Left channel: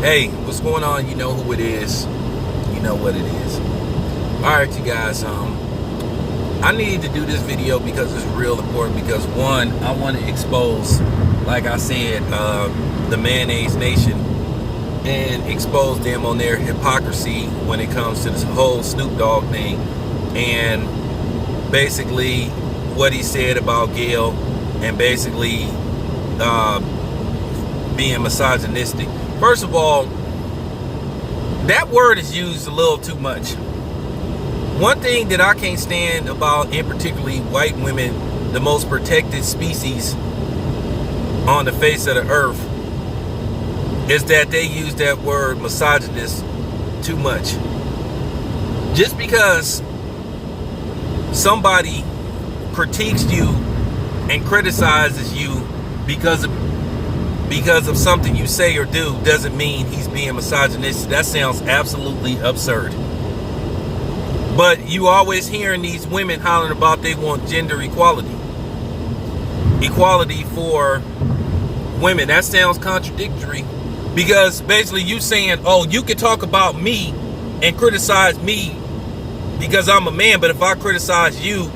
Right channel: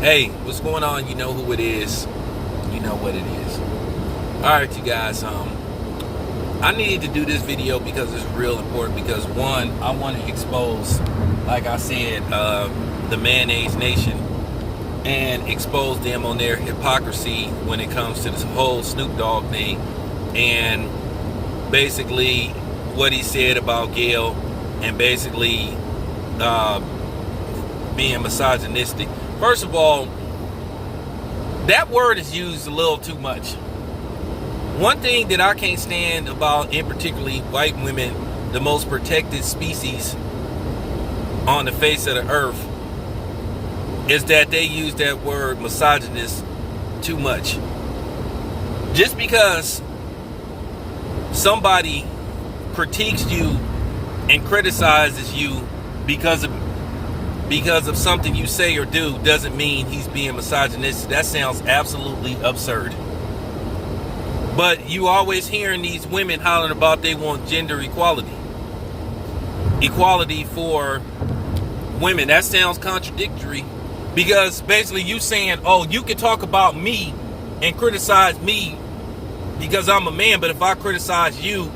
Hey, what's going on? You know who it is. You know what it is. Alright, you guys. I needed to do this video because it's real important. Because one, I want to expose, like I said, the Mayonnaise Nation, and expose them on their hypocrisy when it comes to this whole Snoop Dogg thing, and basically what he said about Gayle, and basically being misogynistic. First of all, that word is used a little too much. One thing that I can't stand about, in particularly white women, the most protected species on the face of the earth, is that they use that word misogynist too much. Just because somebody critiques you and criticizes you because of something you say or do doesn't mean he's being misogynistic. That sounds absolutely absurd. But you always hearing these women hollering about they want gender equality. Equality for women. That sounds contradictory, because basically you saying, oh, you can talk about me and criticize me because I'm a man, but if I criticize you,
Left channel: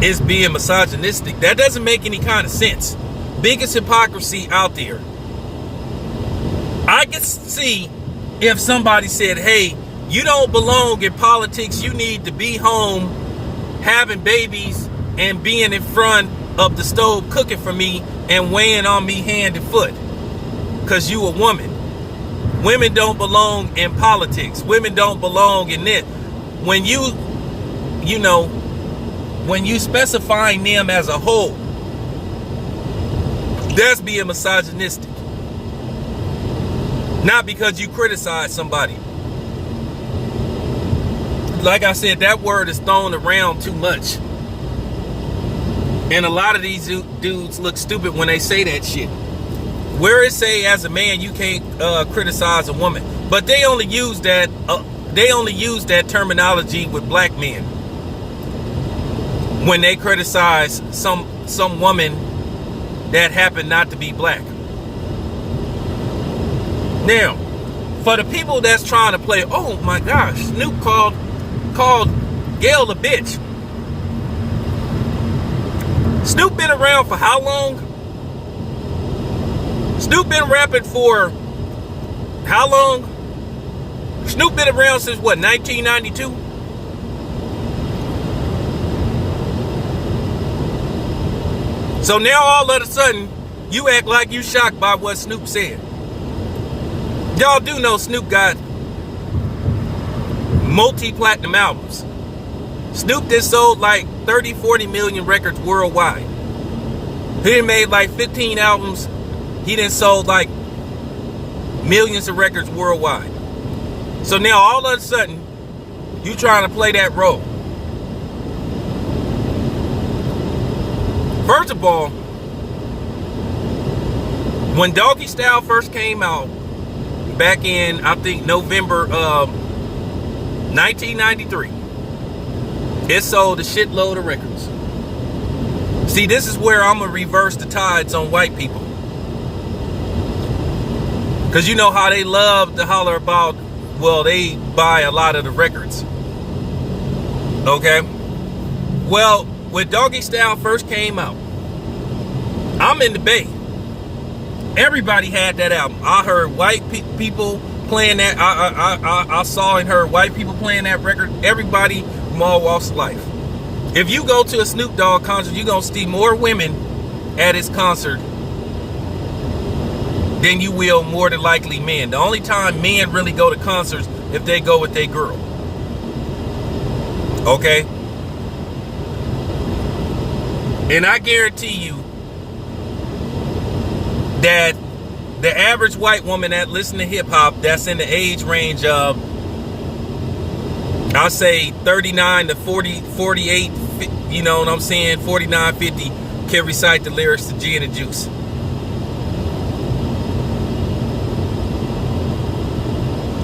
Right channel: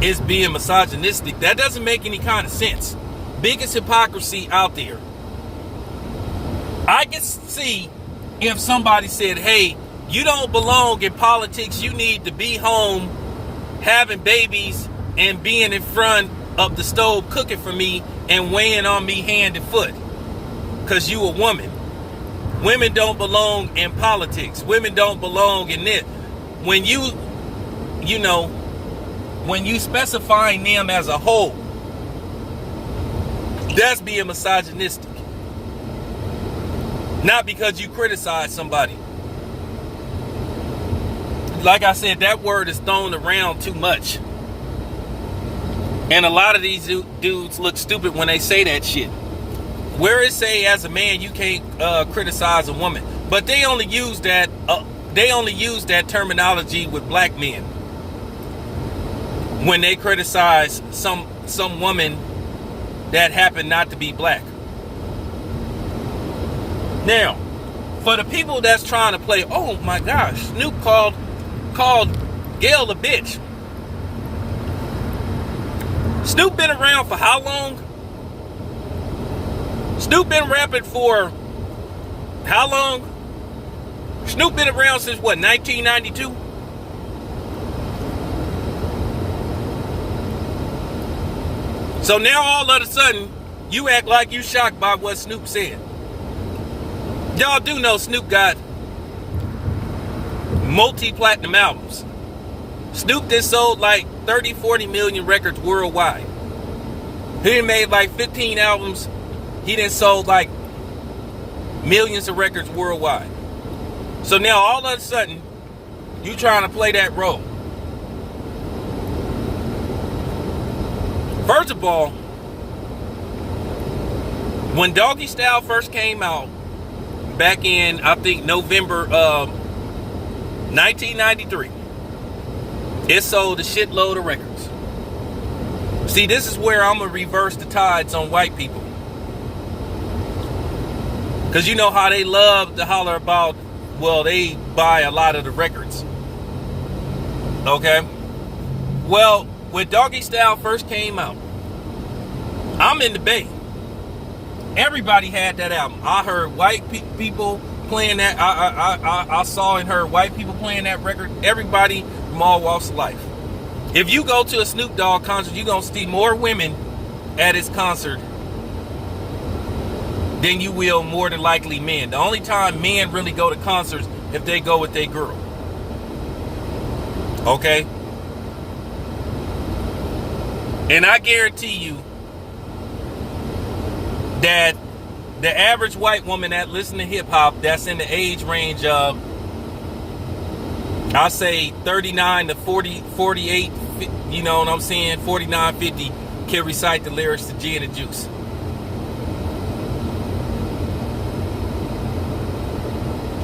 it's being misogynistic. That doesn't make any kind of sense. Biggest hypocrisy out there. I can see if somebody said, hey, you don't belong in politics, you need to be home having babies and being in front of the stove cooking for me and weighing on me hand and foot because you a woman. Women don't belong in politics. Women don't belong in it. When when you specifying them as a whole, that's being misogynistic. Not because you criticize somebody. Like I said, that word is thrown around too much. And a lot of these dudes look stupid when they say that shit. Where it say as a man you can't criticize a woman, but they only use that terminology with black men when they criticize some woman that happened not to be black. Now, for the people that's trying to play, oh my gosh, Snoop called Gayle a bitch. Snoop been around for how long? Snoop been rapping for how long? Snoop been around since what, 1992? So now all of a sudden, you act like you shocked by what Snoop said. Y'all do know Snoop got multi-platinum albums. Snoop just sold like 30, 40 million records worldwide. He done made like 15 albums. He done sold like millions of records worldwide. So now all of a sudden, you trying to play that role. First of all, when Doggy Style first came out, back in, I think, November of 1993, it sold a shitload of records. See, this is where I'm going to reverse the tides on white people. Because you know how they love to holler about, well, they buy a lot of the records. Okay? Well, when Doggy Style first came out, I'm in the Bay. Everybody had that album. I heard white people playing that. I saw and heard white people playing that record. Everybody from all walks of life. If you go to a Snoop Dogg concert, you're going to see more women at his concert than you will more than likely men. The only time men really go to concerts if they go with their girl. Okay? And I guarantee you that the average white woman that listens to hip-hop, that's in the age range of, I'll say 39 to 40, 48, you know what I'm saying, 49, 50, can recite the lyrics to Gin and Juice.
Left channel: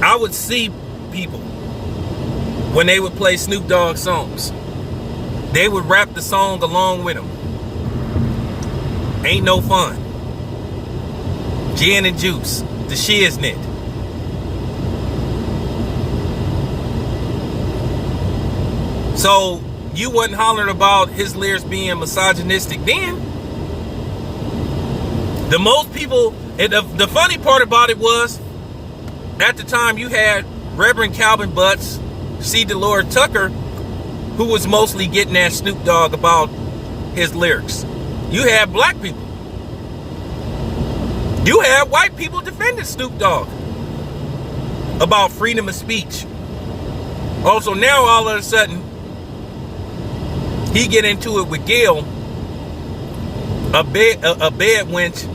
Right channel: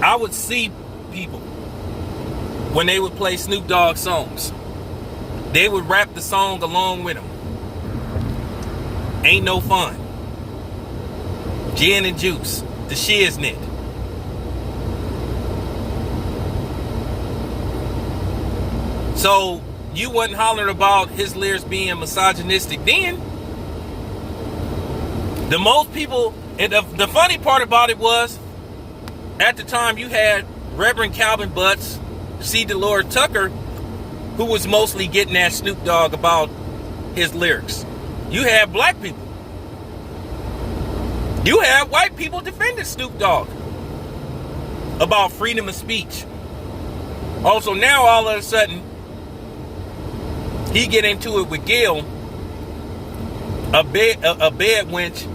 I would see people, when they would play Snoop Dogg songs, they would rap the song along with him. Ain't no fun. Gin and Juice. the shiznit. So you wasn't hollering about his lyrics being misogynistic then. The most people, and the funny part about it was, at the time you had Reverend Calvin Butts, C. Dolores Tucker, who was mostly getting at Snoop Dogg about his lyrics. You had black people. You had white people defending Snoop Dogg about freedom of speech. Also, now all of a sudden, he get into it with Gail, a bed wench,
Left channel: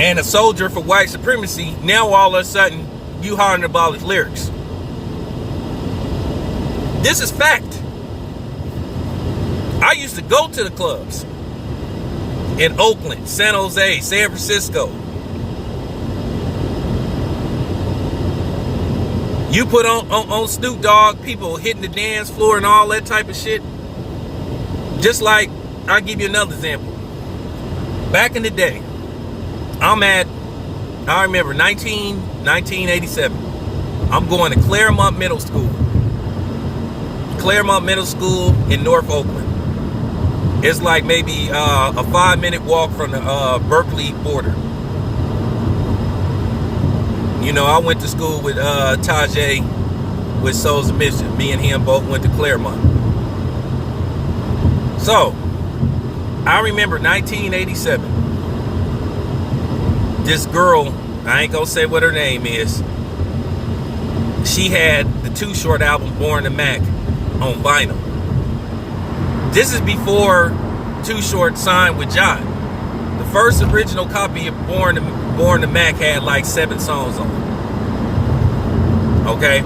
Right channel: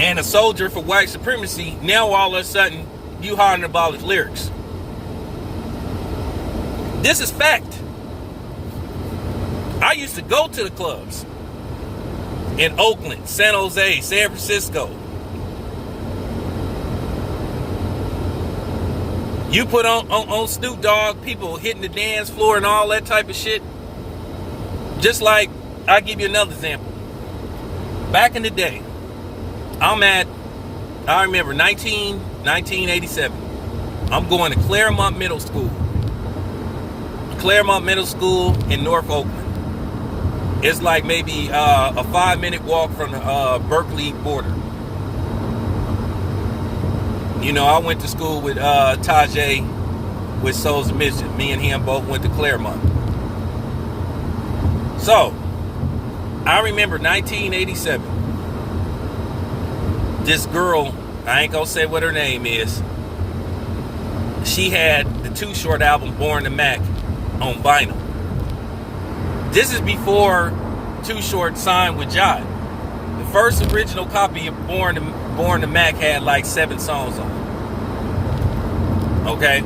and a soldier for white supremacy. Now all of a sudden, you hollering about his lyrics. This is fact. I used to go to the clubs in Oakland, San Jose, San Francisco. You put on Snoop Dogg, people hitting the dance floor and all that type of shit. Just like, I'll give you another example. Back in the day, I remember 1987. I'm going to Claremont Middle School. Claremont Middle School in North Oakland. It's like maybe a 5-minute walk from the Berkeley border. You know, I went to school with Tajay with Souls of Mission. Me and him both went to Claremont. So, I remember 1987. This girl, I ain't gonna say what her name is. She had the Too Short album, Born to Mac, on vinyl. This is before Too Short signed with Jive. The first original copy of Born to Mac had like 7 songs on it. Okay?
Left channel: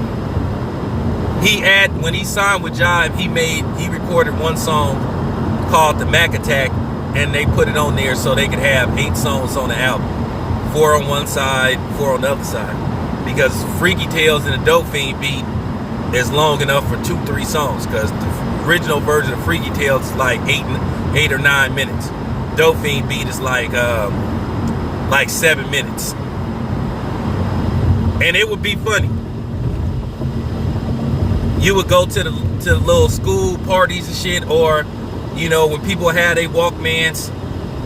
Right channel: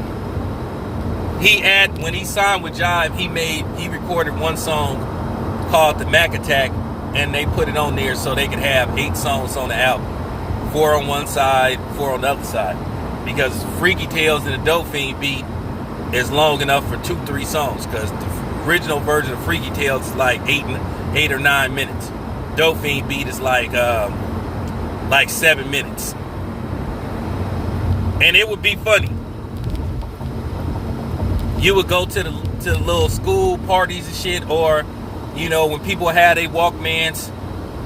When he signed with Jive, he recorded one song called The Mac Attack, and they put it on there so they could have 8 songs on the album. 4 on one side, 4 on the other side. Because Freaky Tales and the Dope Fiend beat is long enough for 2-3 songs, because the original version of Freaky Tales is like 8 or 9 minutes. Dope Fiend beat is like 7 minutes. And it would be funny. You would go to the little school parties and shit, or you know, when people had their Walkmans,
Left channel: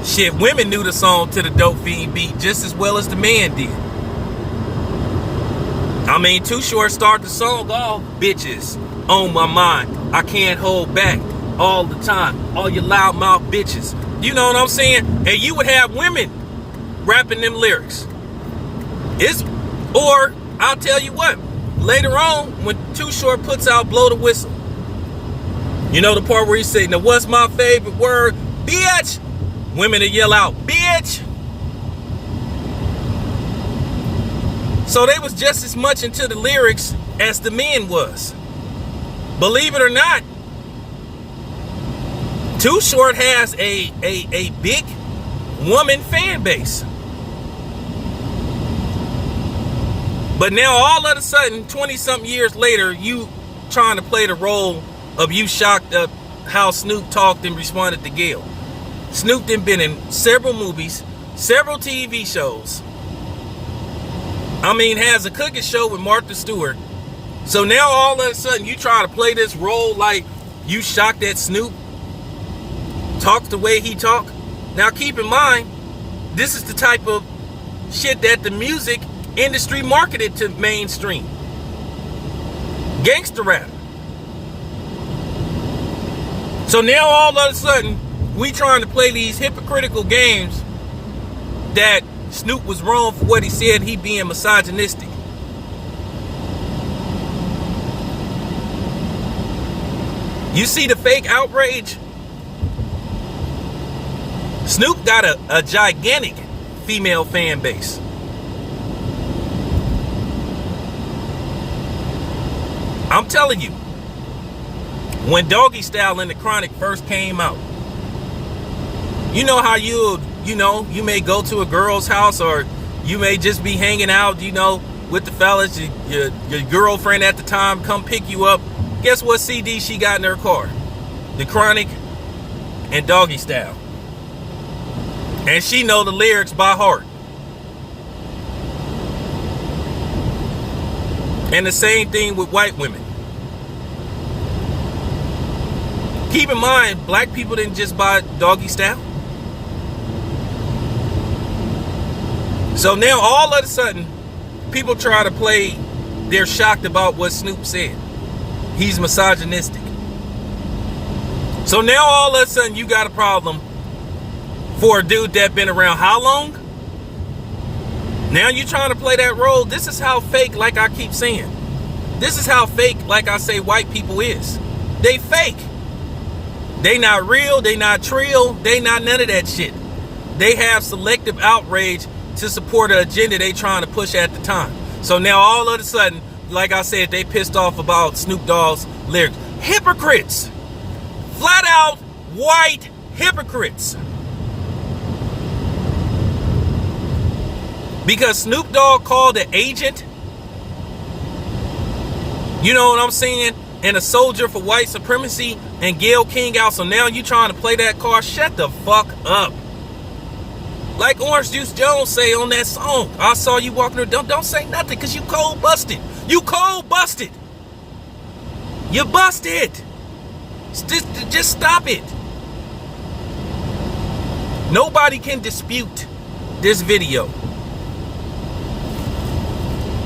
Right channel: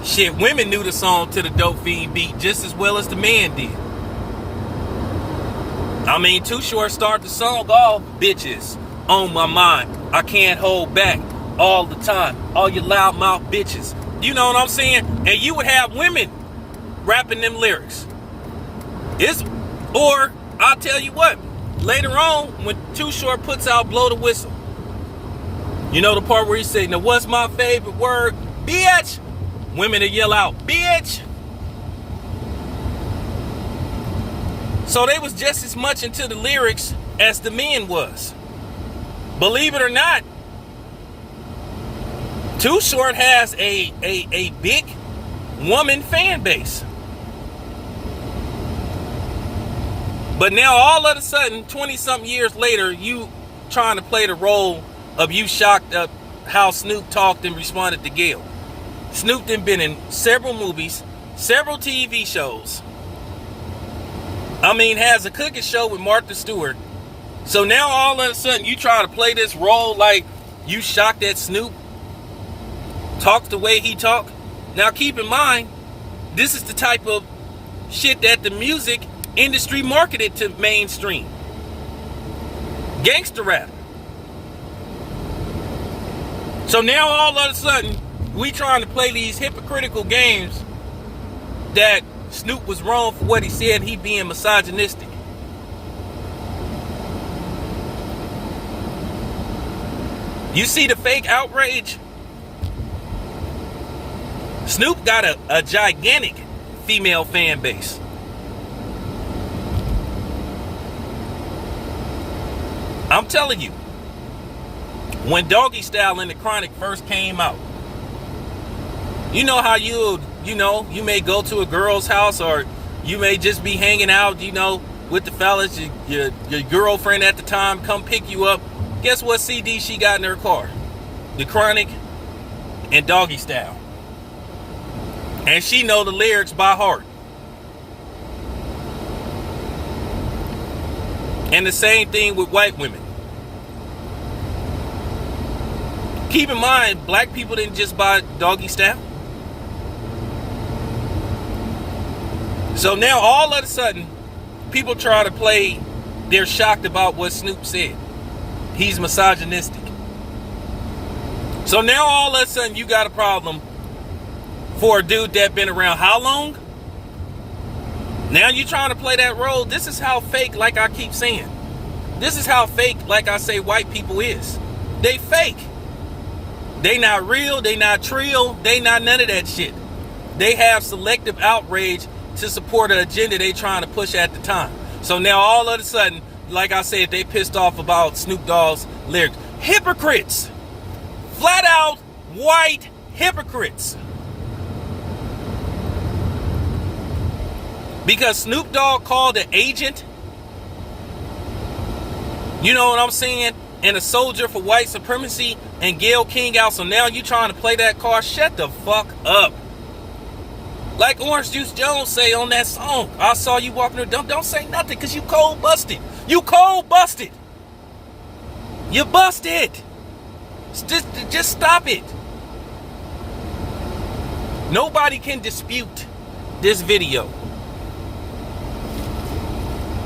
shit, women knew the song to the Dope Fiend beat just as well as the man did. I mean, Too Short started the song off, bitches on my mind. I can't hold back all the time. All you loudmouth bitches. You know what I'm saying? And you would have women rapping them lyrics. Or I'll tell you what, later on, when Too Short puts out Blow the Whistle, you know the part where he say, now what's my favorite word? Bitch! Women that yell out, bitch! So they was just as much into the lyrics as the men was. Believe it or not, Too Short has a big woman fan base. But now all of a sudden, 20-something years later, you trying to play the role of you shocked at how Snoop talked and responded to Gail. Snoop done been in several movies, several TV shows. I mean, has a cooking show with Martha Stewart. So now all of a sudden you try to play this role like you shocked at Snoop, talks the way he talk. Now keep in mind, this is the type of shit that the music industry marketed to mainstream. Gangster rap. So now all of a sudden we trying to play these hypocritical games that Snoop was wrong for what he said, he being misogynistic. You see the fake outrage? Snoop got a gigantic female fan base. I'm telling you, when Doggy Style and the Chronic first came out, you know how you may go to a girl's house, or you may just be hanging out, with the fellas, your girlfriend at the time come pick you up. Guess what CD she got in her car? The Chronic and Doggy Style. And she know the lyrics by heart. And the same thing with white women. Keep in mind, black people didn't just buy doggy style. So now all of a sudden, people try to play, they're shocked about what Snoop said. He's misogynistic. So now all of a sudden you got a problem for a dude that been around how long? Now you trying to play that role. This is how fake, like I keep saying. This is how fake, like I say, white people is. They fake. They not real, they not trill, they not none of that shit. They have selective outrage to support an agenda they trying to push at the time. So now all of a sudden, like I said, they pissed off about Snoop Dogg's lyrics. Hypocrites. Flat out white hypocrites. Because Snoop Dogg called an agent, you know what I'm saying, and a soldier for white supremacy, and Gayle King out. So now you trying to play that card? Shut the fuck up. Like Orange Juice Jones say on that song, I saw you walking there. Don't say nothing, because you cold busted. You cold busted. You busted. Just stop it. Nobody can dispute this video.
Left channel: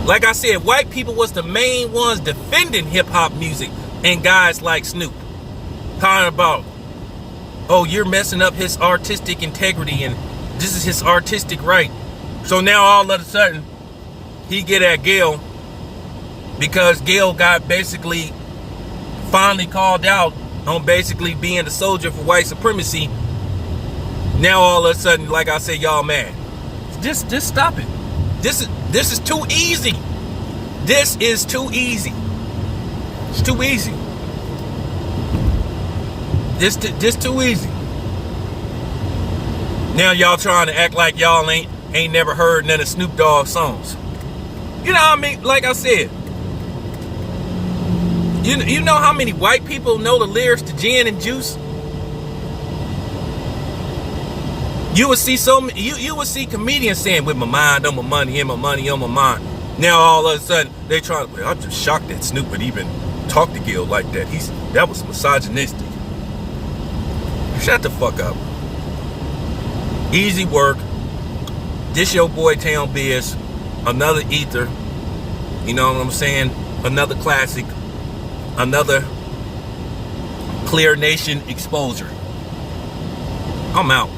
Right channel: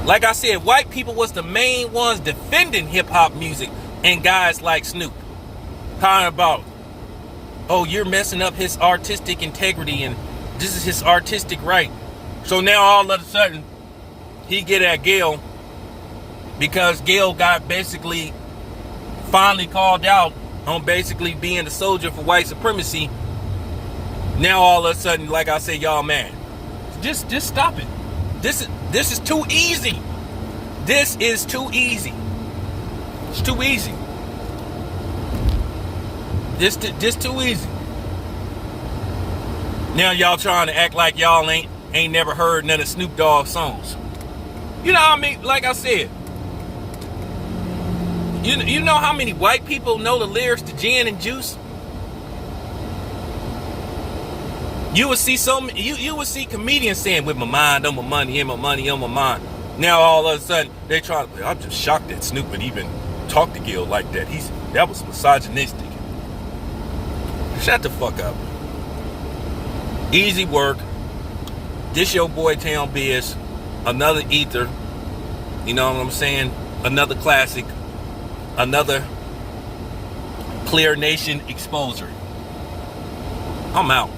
Like I said, white people was the main ones defending hip-hop music and guys like Snoop. Talking about, oh, you're messing up his artistic integrity and this is his artistic right. So now all of a sudden, he get at Gayle because Gayle got basically finally called out on basically being the soldier for white supremacy. Now all of a sudden, like I said, y'all mad. Just stop it. This is too easy. This is too easy. It's too easy. This too easy. Now y'all trying to act like y'all ain't never heard none of Snoop Dogg songs. You know what I mean? Like I said, you know how many white people know the lyrics to Gin and Juice? You would see you would see comedians saying, with my mind on my money and my money on my mind. Now all of a sudden they try to play. I'm just shocked that Snoop would even talk to Gayle like that. That was misogynistic. Shut the fuck up. Easy work. This your boy Town Biz. Another ether. You know what I'm saying? Another classic. Another Clear Nation exposure. I'm out.